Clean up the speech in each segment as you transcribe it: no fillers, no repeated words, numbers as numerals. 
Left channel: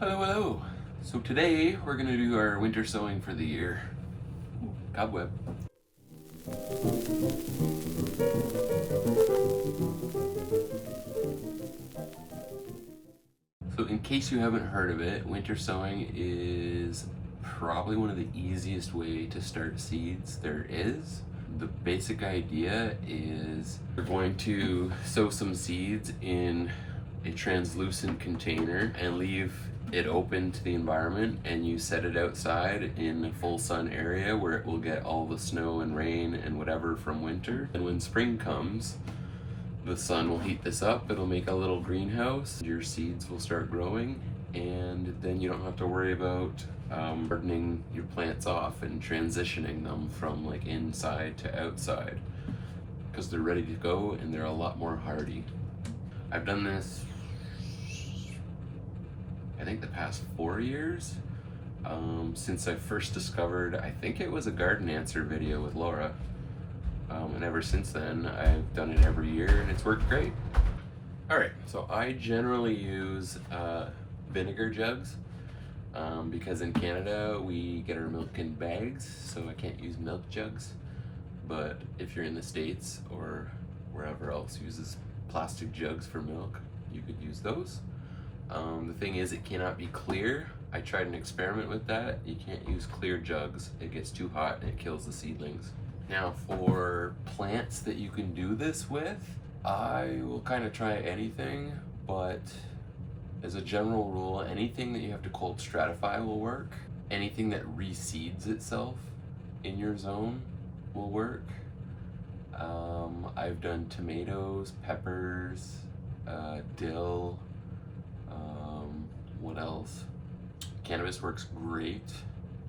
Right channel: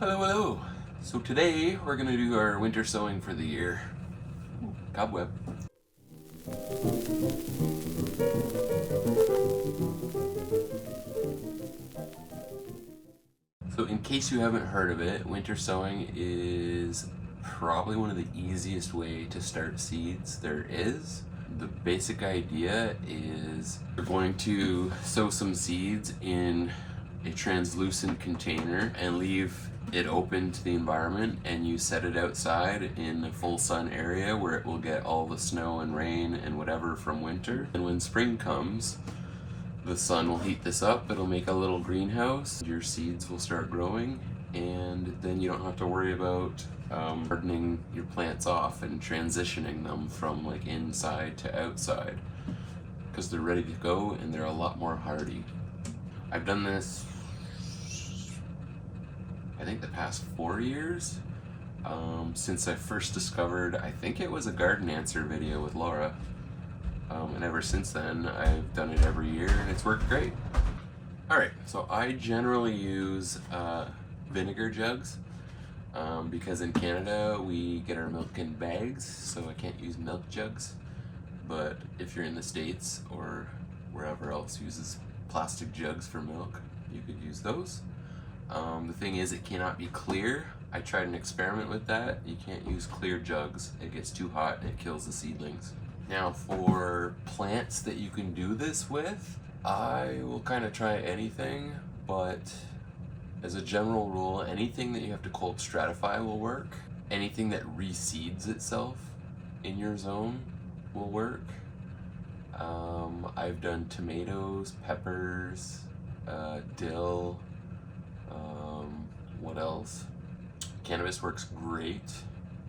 Hello, hello. So today we're gonna do our winter sowing for the year. Cobweb. So in case you haven't heard of it, winter sowing is probably one of the easiest way to start seeds there is. The basic idea is you're going to sow some seeds in a translucent container and leave it open to the environment, and you set it outside in a full sun area where it will get all the snow and rain and whatever from winter. And when spring comes, the sun will heat this up, it'll make a little greenhouse, your seeds will start growing, and then you don't have to worry about gardening your plants off and transitioning them from like inside to outside, because they're ready to go and they're a lot more hardy. I've done this I think the past 4 years, since I first discovered, I think it was a garden answer video with Laura, and ever since then I've done it every year and it's worked great. Alright, so I generally use vinegar jugs, because in Canada we get our milk in bags, so I can't use milk jugs, but if you're in the States or wherever else uses plastic jugs for milk, you could use those. The thing is, it cannot be clear. I tried an experiment with that. You can't use clear jugs. It gets too hot and it kills the seedlings. Now for plants that you can do this with, I will kind of try anything, but as a general rule, anything that you have to cold stratify will work. Anything that reseeds itself in your zone will work. I've done tomatoes, peppers, dill, what else? Cannabis works great,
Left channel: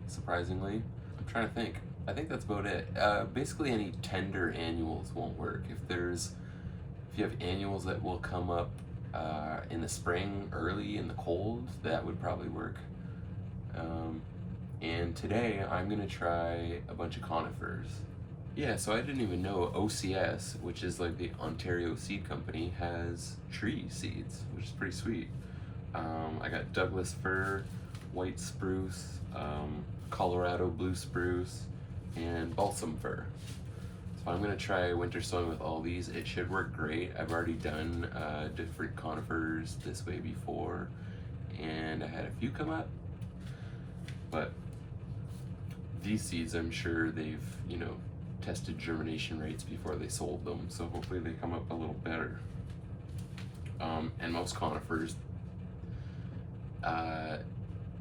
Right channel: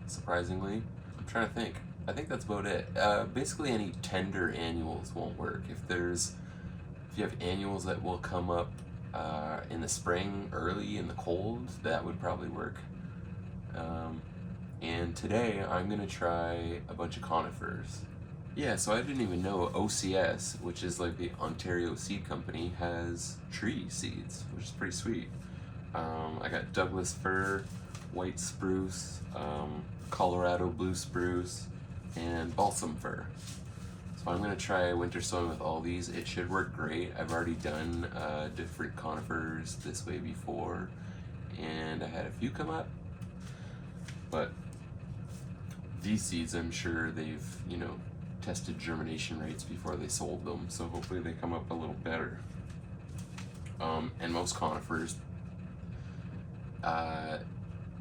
surprisingly. I'm trying to think. I think that's about it. Basically any tender annuals won't work. If you have annuals that will come up in the spring, early in the cold, that would probably work. And today I'm gonna try a bunch of conifers. Yeah, so I didn't even know OCS, which is like the Ontario Seed Company, has tree seeds, which is pretty sweet. I got Douglas fir, white spruce, Colorado blue spruce, and balsam fir. So I'm gonna try winter sowing with all these. It should work great. I've already done different conifers this way before, and I had a few come up, but these seeds, I'm sure they've, tested germination rates before they sold them, so hopefully they come up a little better. And most conifers,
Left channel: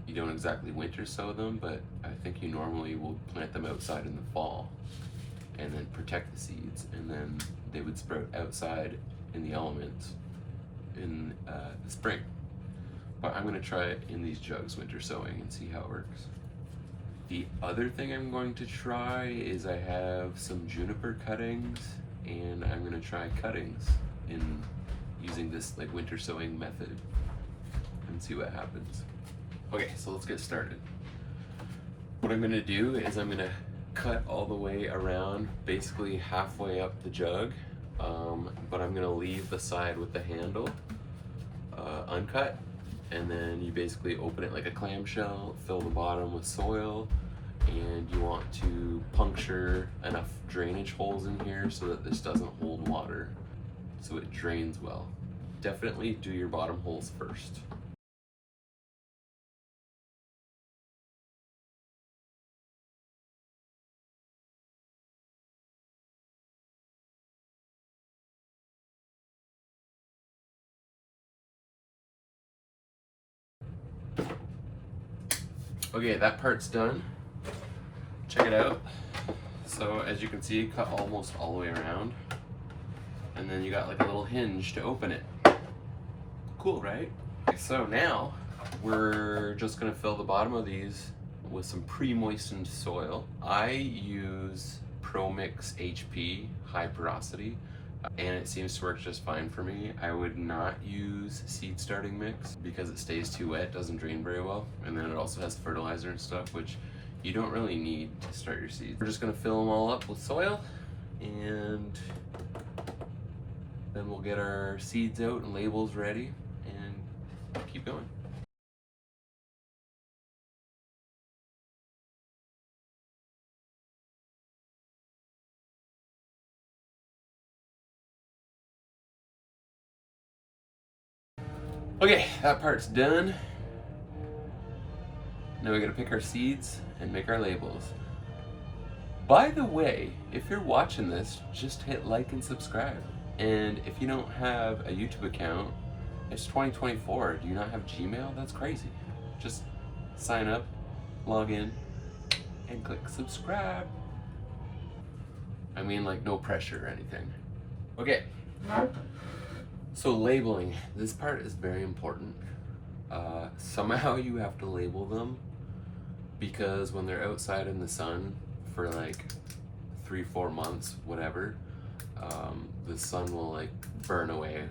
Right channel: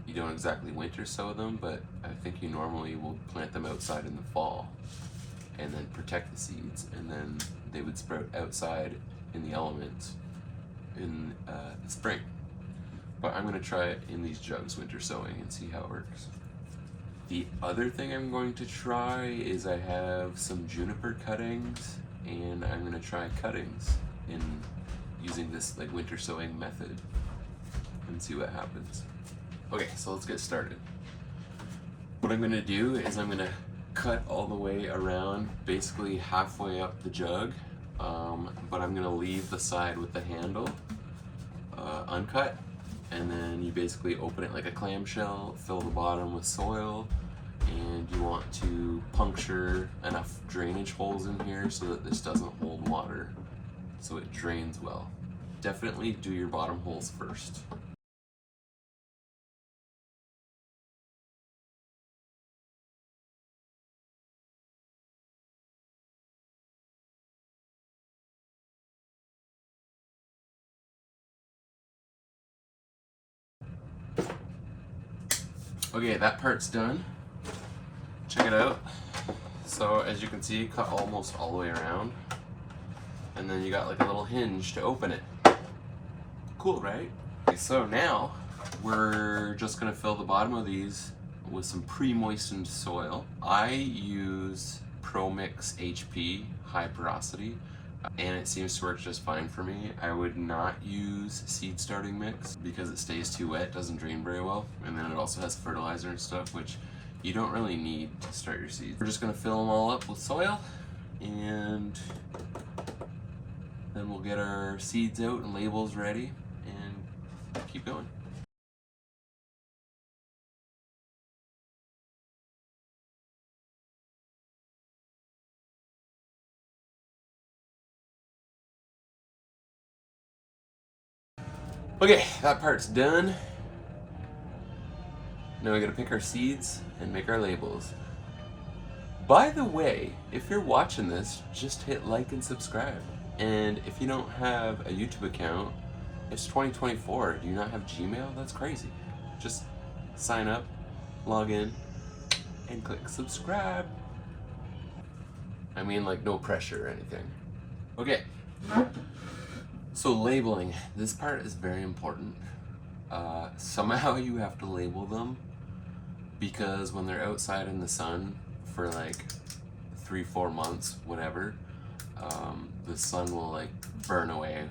you don't exactly winter sow them, but I think you normally will plant them outside in the fall and then protect the seeds, and then they would sprout outside in the elements in the spring. But I'm going to try it in these jugs winter sowing and see how it works. The other thing I'm going to try is I have some juniper cuttings, and I'm going to try cuttings in using this like winter sowing method and see what happens. Okay, so let's get started. What I'm going to do is I'm going to cut all the way around, basically halfway up the jug, but I'm going to leave the side with the handle uncut, and then you basically open it like a clamshell, fill the bottom with soil, and you want to puncture enough drainage holes in here so that this doesn't hold water, so it drains well. Definitely do your bottom holes first. Okay, that part's done. Check it out. So as you can see, cut almost all the way around, and then you got like a little hinge to open it. Cool, right? Okay, so now we're just gonna fill the bottom of these with some pre-moistened soil. I use ProMix HP high porosity, and it seems to work just fine for me. I would not use seed starting mix because it stays too wet, doesn't drain very well, and then it also has fertilizer and stuff, which you don't really need to start your seeds. We're just gonna fill them all up with soil, and then we'll get our seeds out and labels ready and keep going. Okay, that part's done. Now we gotta pick our seeds and make our labels. By the way, if you're watching this, just hit like and subscribe. And if you don't have a YouTube account, it's 2024. Do you not have Gmail? That's crazy. Just sign up, log in, and click subscribe. I mean, like, no pressure or anything. Okay. So labeling. This part is very important. Somehow you have to label them because when they're outside in the sun for like 3-4 months, whatever, the sun will like burn away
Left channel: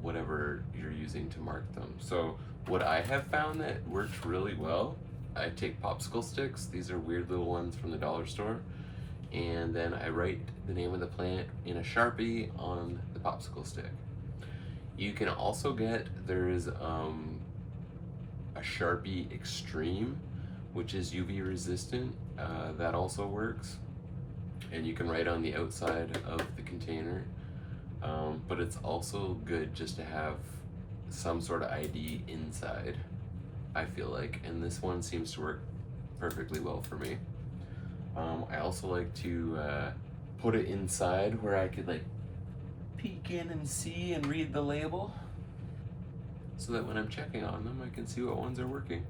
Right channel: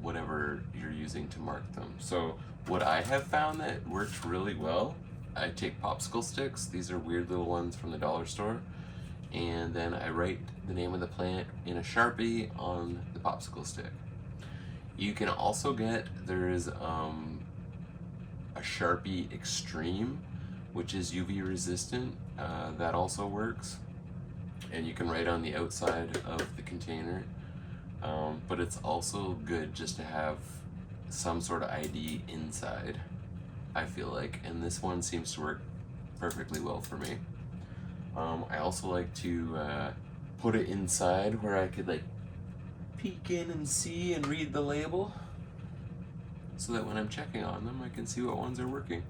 whatever you're using to mark them. So what I have found that works really well, I take popsicle sticks. These are weird little ones from the dollar store, and then I write the name of the plant in a Sharpie on the popsicle stick. You can also get, there's a Sharpie Extreme, which is UV resistant. That also works, and you can write on the outside of the container. But it's also good just to have some sort of ID inside, I feel like, and this one seems to work perfectly well for me. I also like to put it inside where I could like peek in and see and read the label, so that when I'm checking on them I can see what ones are working.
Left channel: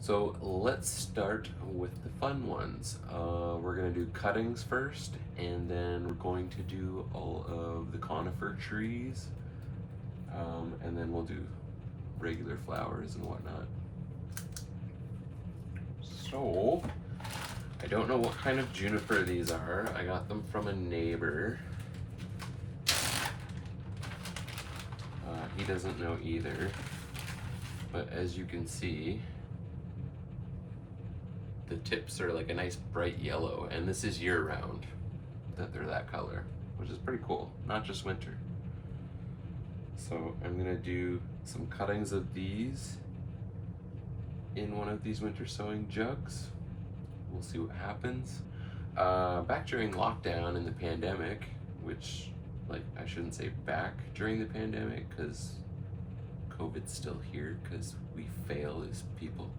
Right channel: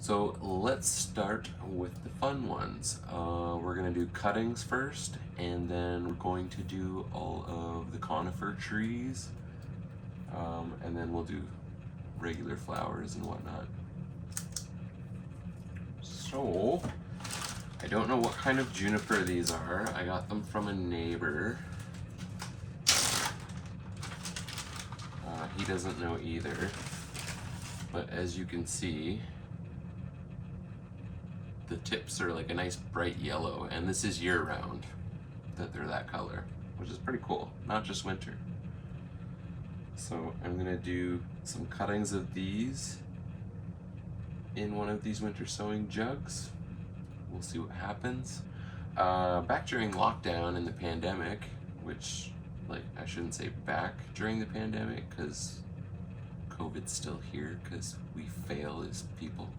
So let's start with the fun ones. We're gonna do cuttings first, and then we're going to do all of the conifer trees, and then we'll do regular flowers and whatnot. So, I don't know what kind of juniper these are. I got them from a neighbor. He doesn't know either, but as you can see, the tips are like a nice bright yellow, and this is year-round that they're that color, which is pretty cool, not just winter. So I'm gonna do some cuttings of these in one of these winter sowing jugs. We'll see what happens. Back during lockdown in the pandemic, which, like, I shouldn't say back during the pandemic because COVID's still here because we fail as people.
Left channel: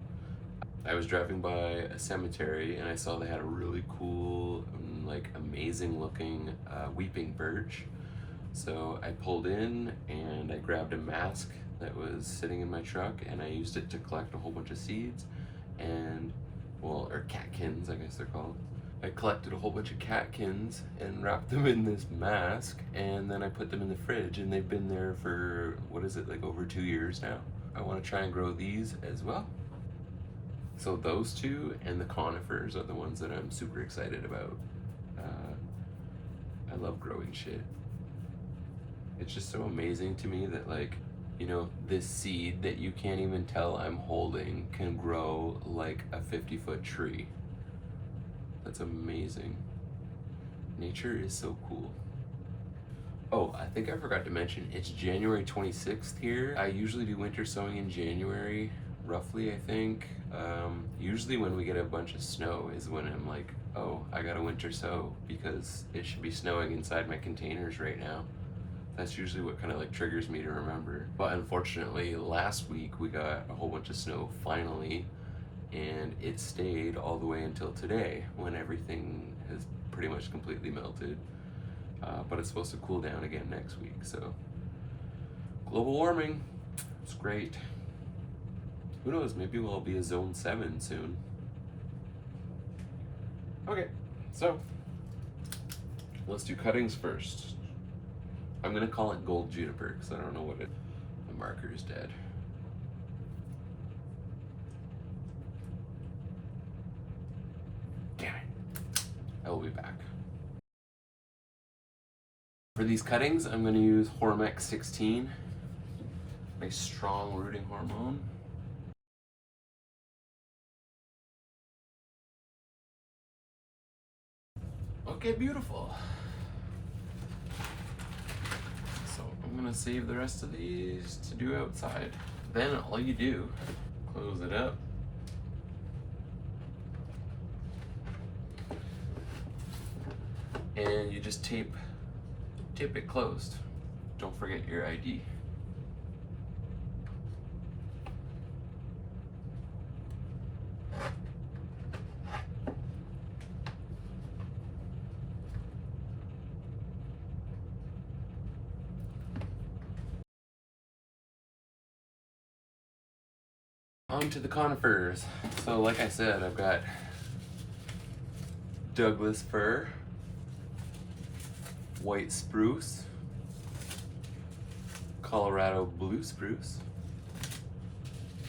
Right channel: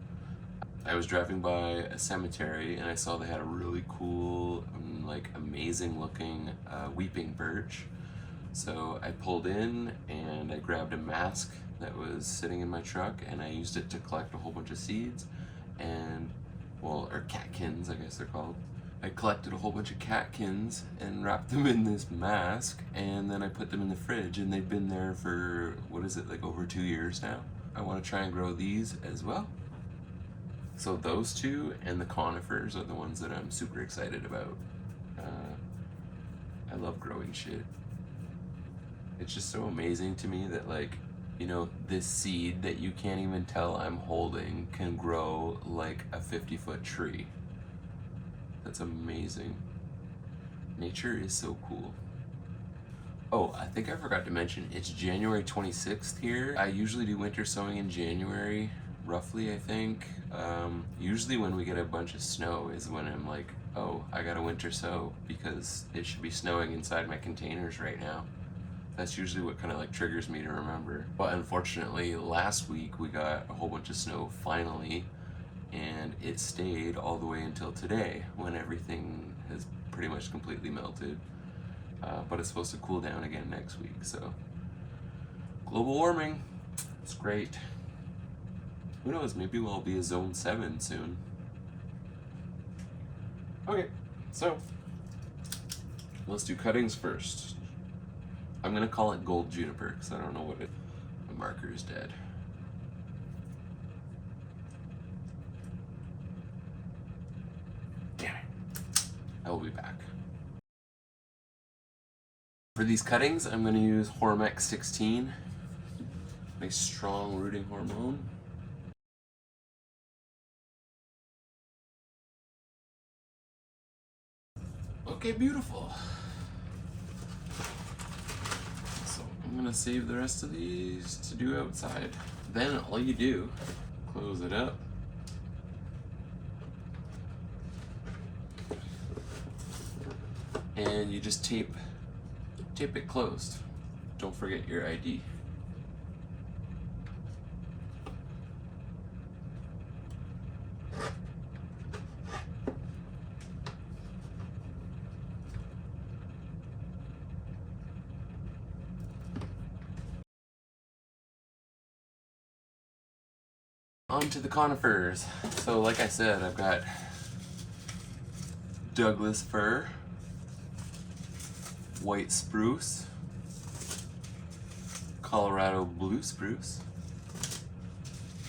I was driving by a cemetery and I saw they had a really cool, like, amazing looking weeping birch. So I pulled in and I grabbed a mask that was sitting in my truck, and I used it to collect a whole bunch of seeds and, well, or catkins, I guess they're called. I collected a whole bunch of catkins and wrapped them in this mask, and then I put them in the fridge, and they've been there for, what is it, like over 2 years now. I want to try and grow these as well. So those two and the conifers are the ones that I'm super excited about. I love growing shit. It's just so amazing to me that, like, you know, this seed that you can't even tell I'm holding can grow like a 50-foot tree. That's amazing. Nature is so cool. Oh, I think I forgot to mention, it's January 26th here. I usually do winter sowing in January, roughly, I think. Usually when we get a bunch of snow is when I'm like, oh, I gotta winter sow because it should be snowing inside my containers right now. That's usually what kind of like triggers me to remember. But unfortunately, last week we got a whole bunch of snow finally, and it stayed all the way until today when everything has pretty much completely melted. But it's supposed to cool down again next week, so global warming, it's great. Who knows, maybe we'll be a zone 7 soon. Okay, so let's do cuttings first. I'm gonna call it gold juniper because I don't know what it, the marker is dead. Damn it. I will be back. For these cuttings, I'm gonna use Hormex 16, nice strong rooting hormone. Okay, beautiful. So I'm gonna save the rest of these to do outside. Then all you do, close it up. And you just tape it closed. Don't forget your ID. On to the conifers. So like I said, I've got Douglas fir, white spruce, Colorado blue spruce,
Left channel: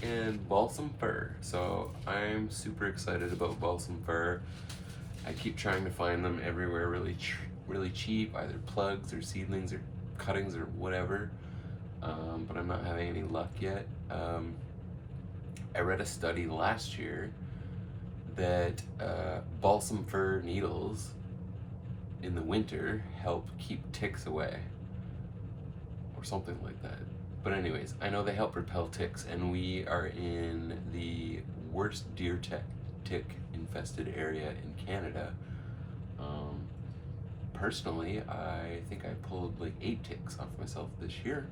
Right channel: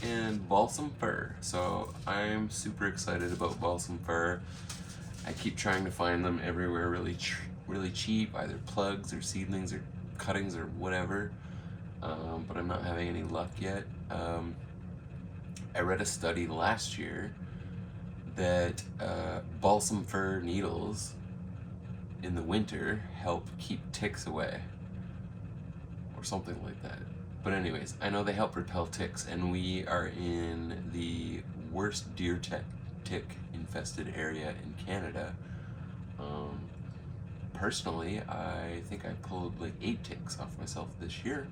and balsam fir. So I'm super excited about balsam fir. I keep trying to find them everywhere really cheap, either plugs or seedlings or cuttings or whatever, but I'm not having any luck yet. I read a study last year that balsam fir needles in the winter help keep ticks away, or something like that. But anyways, I know they help repel ticks, and we are in the worst deer tick infested area in Canada. Personally, I think I pulled like 8 ticks off myself this year.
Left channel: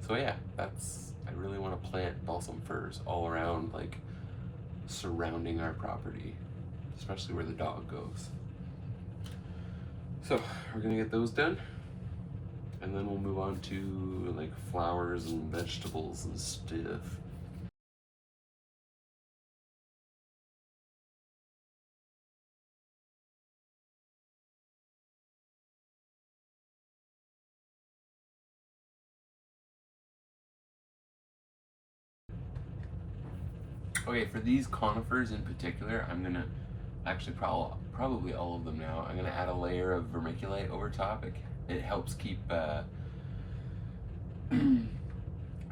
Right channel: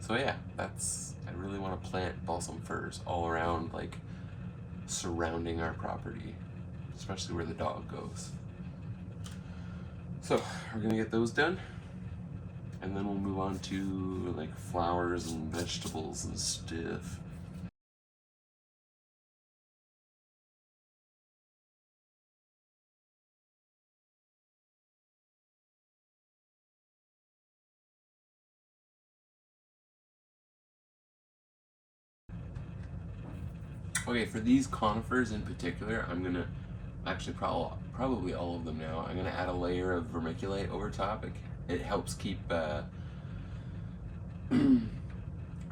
So yeah, I really want to plant balsam firs all around, like surrounding our property, especially where the dog goes. So we're gonna get those done, and then we'll move on to like flowers and vegetables and stuff. Okay, for these conifers in particular, I'm gonna actually probably all of them now. I'm gonna add a layer of vermiculite over top. It helps keep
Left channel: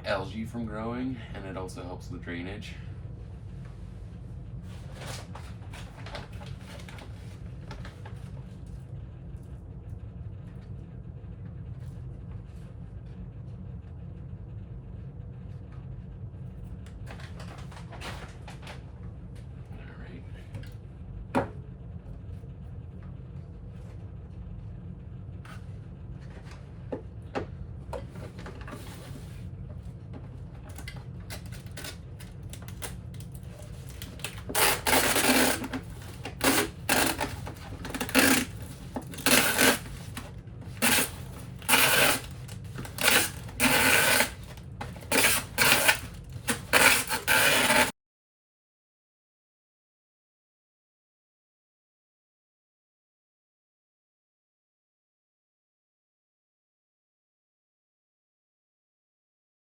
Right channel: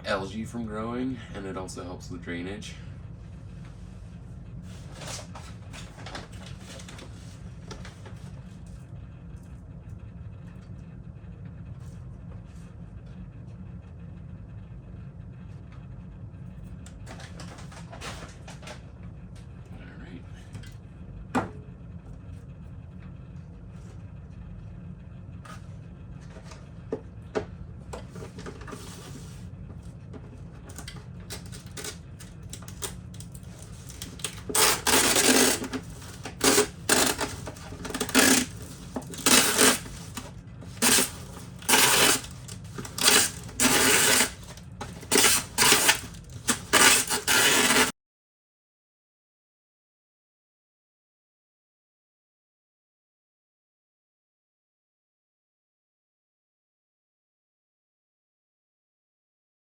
algae from growing, and it also helps with drainage.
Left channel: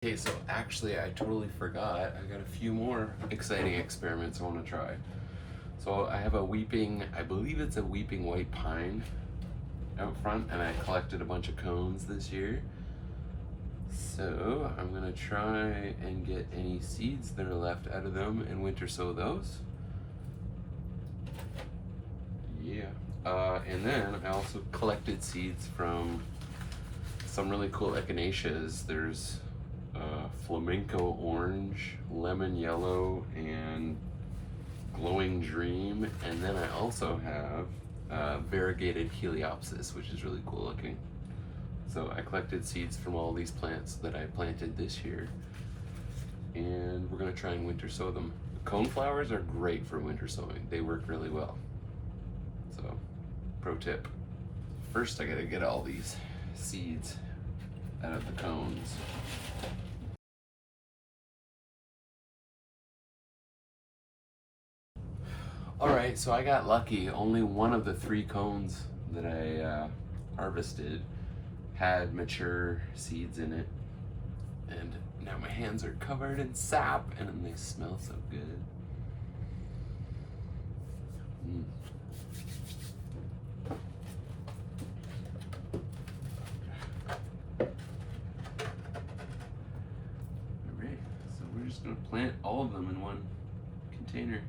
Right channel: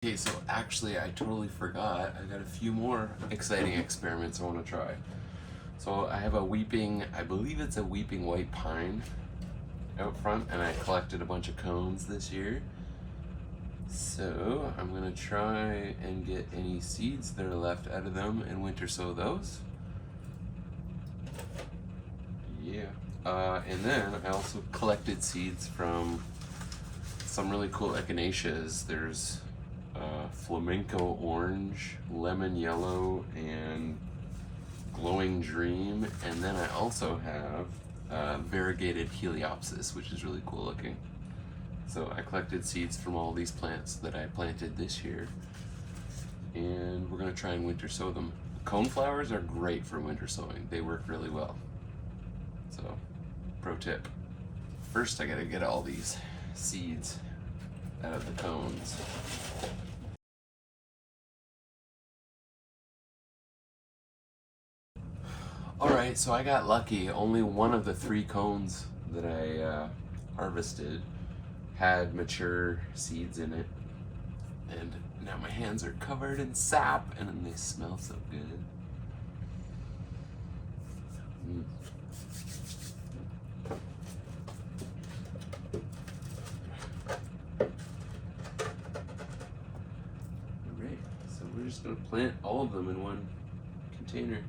Okay, so actually I totally forgot. I got a few more exciting experiments I want to try. So I have a weeping, I believe it's a weeping white pine out front, and I collected a bunch of cones this year. So I'm gonna try and get any seeds that are left out of them and winter sow those. Yeah. And then I also collected seeds from some really cool echinaceas. There's flamenco orange, lemon yellow, and glowing dream. And then I also have variegated heliopsis, which is really cool looking. So I collected seeds from all these plants that I planted this year, and we're gonna try and winter sow them. Coneflowers are great for winter sowing. They work really well. So, pro tip. First I gotta get all these seeds out of the cones. Alright, so I got lucky. Only one of the 3 cones that I harvested had mature seeds in it. And now my hands are covered in sap, and they smell so good. Alright, so we're just gonna plant all of them in one container.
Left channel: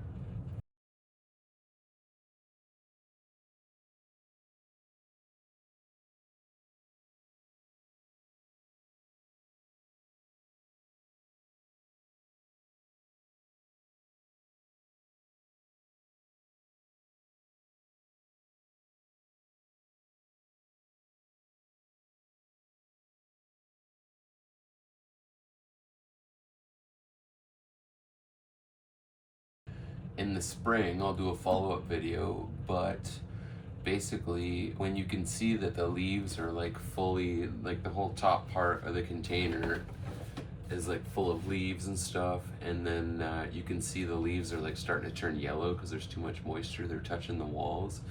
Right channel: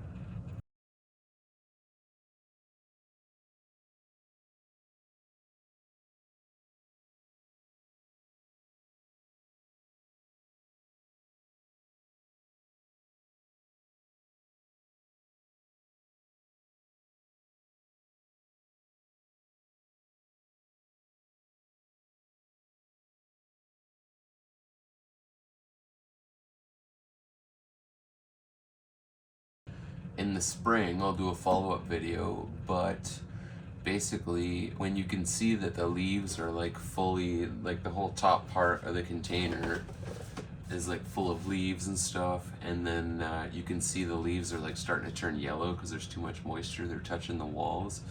In the spring, I'll do a follow-up video, but basically when you can see that the leaves are like fully, like the whole top part of the container is like full of leaves and stuff, and then you can see the leaves are like starting to turn yellow because there's too much moisture, they're touching the walls.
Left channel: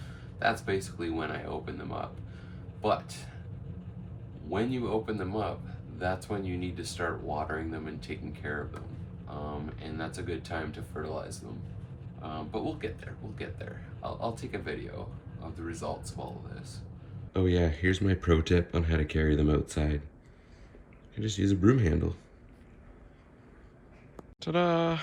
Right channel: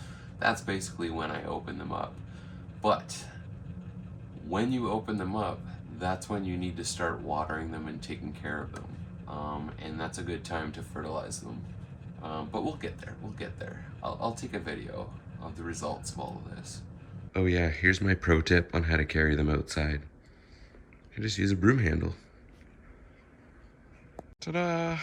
That's basically when I open them up. But when you open them up, that's when you need to start watering them and taking care of them. And that's a good time to fertilize them. But we'll get there, we'll get there. I'll take a video of the results of all of this. Oh yeah, here's my pro tip on how to carry them outside. I just use a broom handle. Ta-da!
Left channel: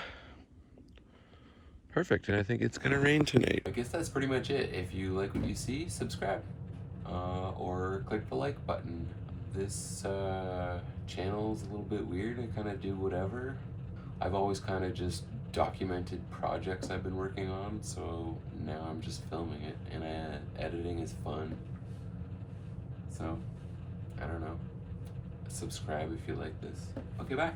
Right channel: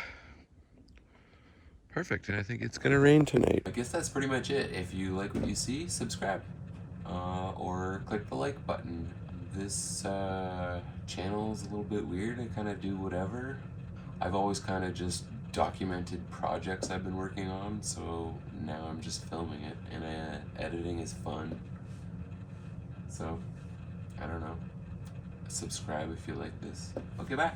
Perfect, and I think it's gonna rain tonight. I guess that's pretty much it. If you like what you see, subscribe. Or click the like button. This channel's a little bit weird. I kind of do whatever. I've always kind of just documented projects I've been working on, so now I'm just filming it, and editing is fun. So, I don't know. Subscribe if you like this. Okay, bye.